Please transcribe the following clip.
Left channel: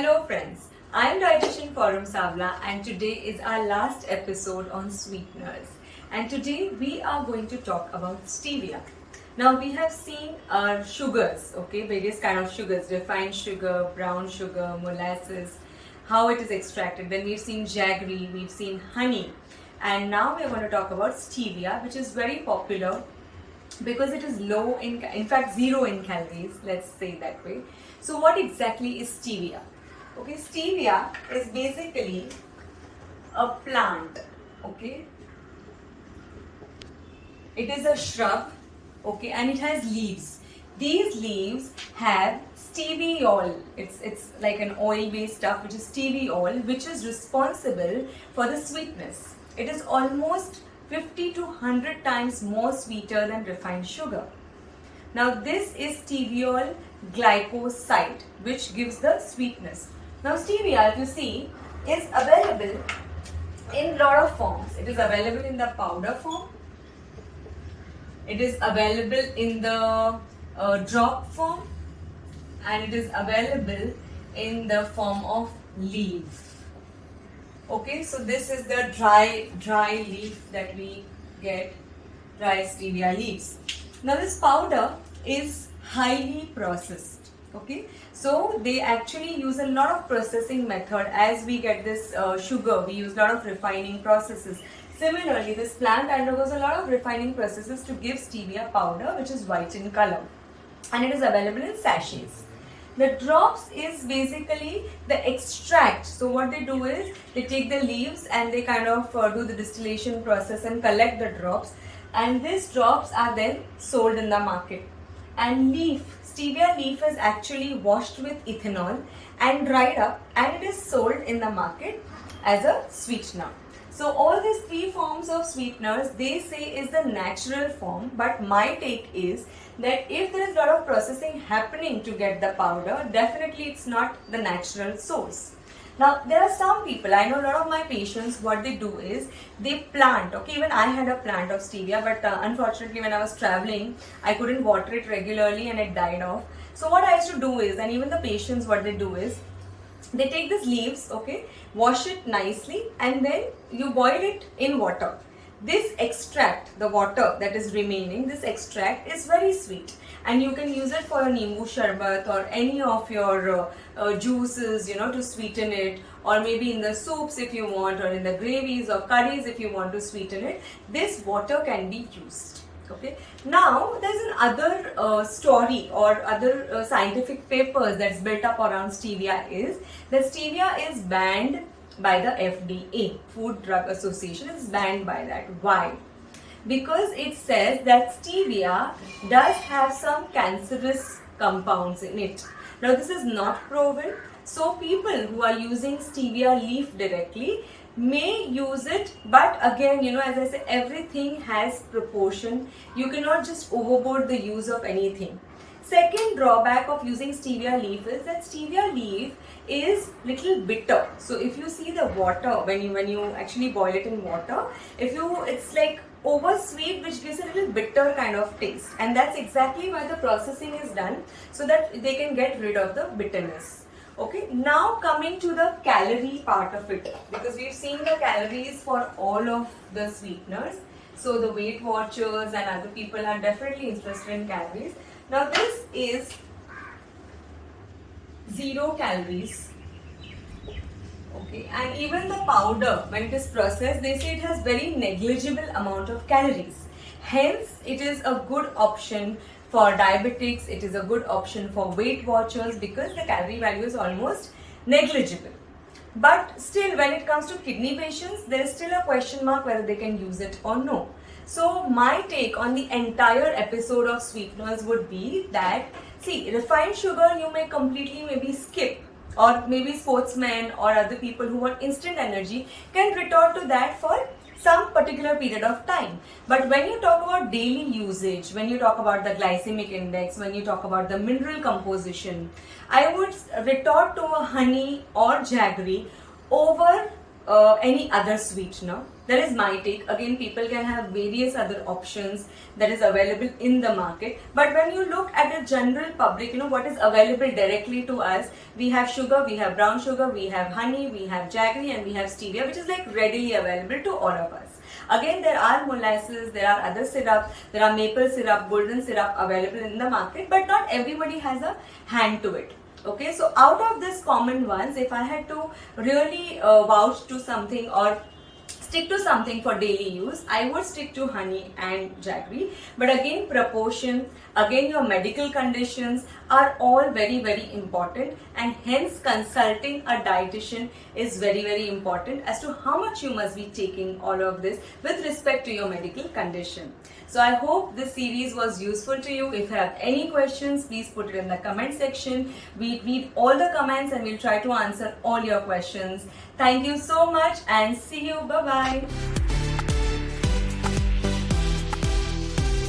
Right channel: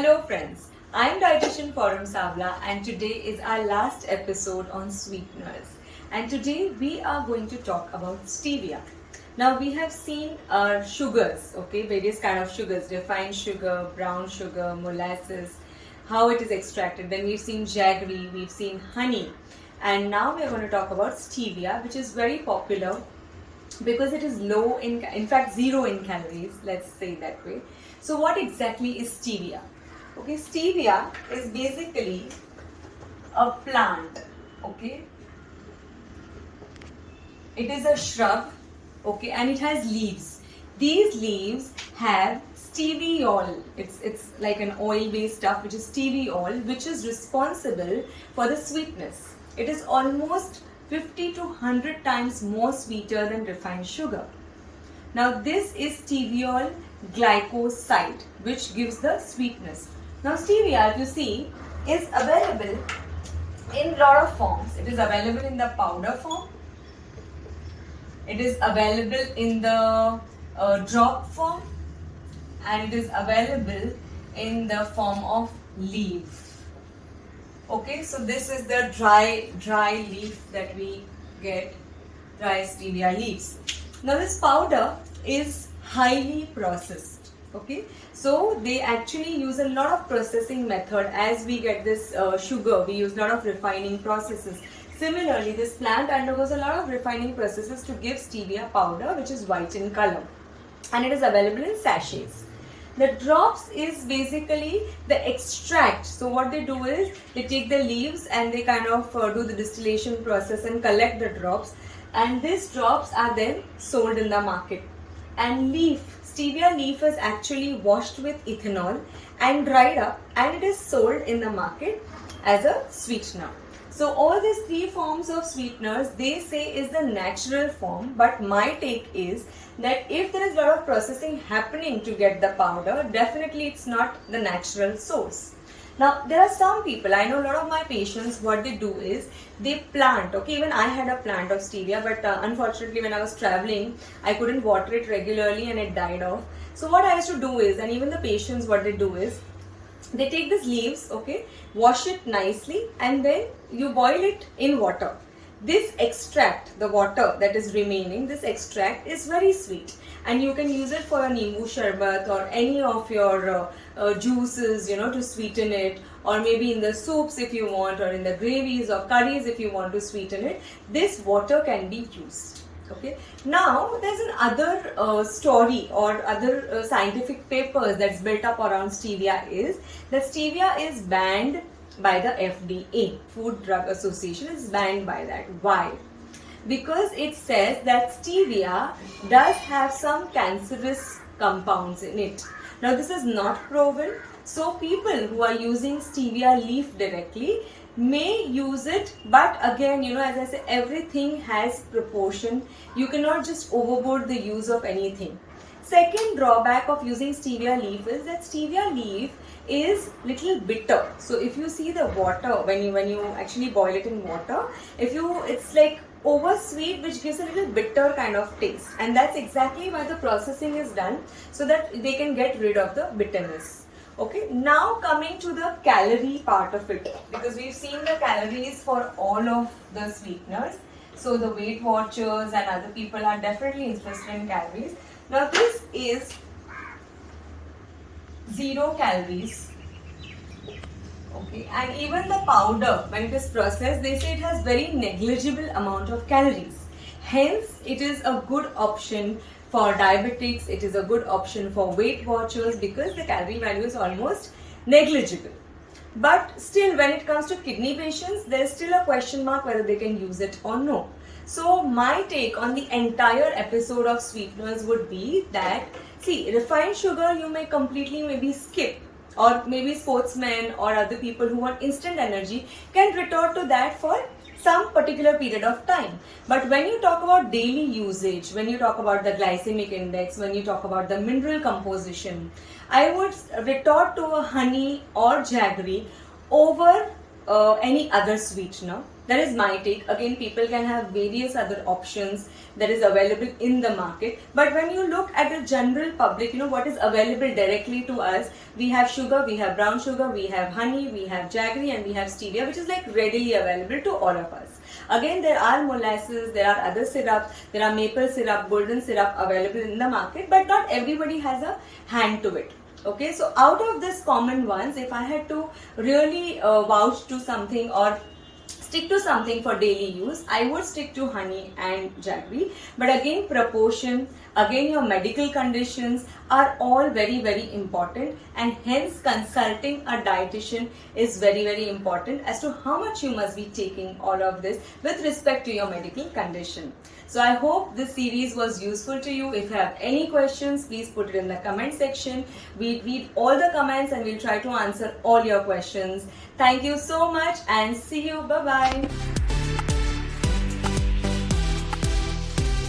Hello friends, I'm Dietitian Forum Savla and today is our last episode on sweeteners. And today we are going to talk about stevia. Now we have seen our sugars, okay, various kind of sugars, refined sugar, brown sugar, molasses, how it is extracted. Then we've seen jaggery, we've seen honey. And now we're going to talk about stevia, which is very popular because it is low in fact zero in calories, let's say that way. So what exactly is stevia? Okay, stevia is basically a plant, okay. It is a shrub, okay, and it has leaves. These leaves have steviol. It's like an oil-based stuff, which is steviol, which is responsible for the sweetness. It is almost 50 to 100 times more sweeter than refined sugar. Now this is steviol glycoside, which gives the sweetness. Now stevia, if you see, is available in lot of forms. It is available in the powder form. It is available in the drop form, and it is available in the form of leaf. Okay, so this is the dry leaf that we get, dry stevia leaves. Now this powder is highly processed. Okay, so they actually use a lot of processing method. As we get this sugar, we use a lot of refining processes. Similarly, this plant undergoes a lot of refining processes to give stevia powder, which is white in color, and it is available in sachets. The drops is basically the extract. So what they do is they take the leaves and they kind of do the distillation process and collect the drops, and these drops are then sold in the market. And stevia leaf is actually washed with ethanol and dried up, and it is sold in the market as a sweetener. So all these three forms of sweeteners, they say is the natural form, but my take is that if there is a lot of processing happening to get the powder, definitely it's not the natural source. Now there are some people, I know a lot of my patients, what they do is they plant, okay, even I had a plant of stevia, but unfortunately when I was traveling, I couldn't water it regularly and it died off. So what I used to do is, and even the patients, what they do is, they take these leaves, okay, wash it nicely, and then you boil it in water. This extract, the water that is remaining, this extract is very sweet, and you can use it for a nimbu sharbat or any of your juices, to sweeten it, or maybe in the soups if you want, or in the gravies or curries if you want to sweeten it. This water can be used. Okay. Now there's another story or other scientific papers that's built up around stevia is that stevia is banned by the FDA, Food Drug Association is banned by that. Why? Because it says that stevia does have some cancerous compounds in it. Now this is not proven, so people who are using stevia leaf directly may use it, but again, as I say, everything has proportion. You cannot just overboard the use of anything. Second drawback of using stevia leaf is that stevia leaf is little bitter. So if you see the water, when you actually boil it in water, it's like over sweet, which gives a little bitter kind of taste, and that's exactly why the processing is done, so that they can get rid of the bitterness. Okay, now coming to the calorie part of it, because we've seen the calories for all of the sweeteners. So the Weight Watchers and other people are definitely interested in calories. Now this is 0 calories. Okay, and even the powder, when it is processed, they say it has very negligible amount of calories. Hence, it is a good option for diabetics, it is a good option for Weight Watchers, because the calorie value is almost negligible. But still, when it comes to kidney patients, there is still a question mark whether they can use it or no. So my take on the entire episode of sweeteners would be that, see, refined sugar you may completely maybe skip, or maybe sportsmen or other people who want instant energy can resort to that for some particular period of time. But when you talk about daily usage, when you talk about the glycemic index, when you talk about the mineral composition, I would resort to a honey or jaggery over any other sweetener. That is my take. Again, people can have various other options that is available in the market. But when you look at the general public, what is available directly to us, we have sugar, we have brown sugar, we have honey, we have jaggery, and we have stevia, which is like readily available to all of us. Again, there are molasses, there are other syrups, there are maple syrup, golden syrup available in the market, but not everybody has a hand to it. Okay, so out of these common ones, if I had to really vouch to something or stick to something for daily use, I would stick to honey and jaggery. But again, proportion, again your medical conditions are all very important, and hence consulting a dietitian is very important as to how much you must be taking all of this with respect to your medical condition. So I hope this series was useful to you. If you have any questions, please put it in the comment section. We read all the comments and we'll try to answer all your questions. Thank you so much and see you. Bye bye.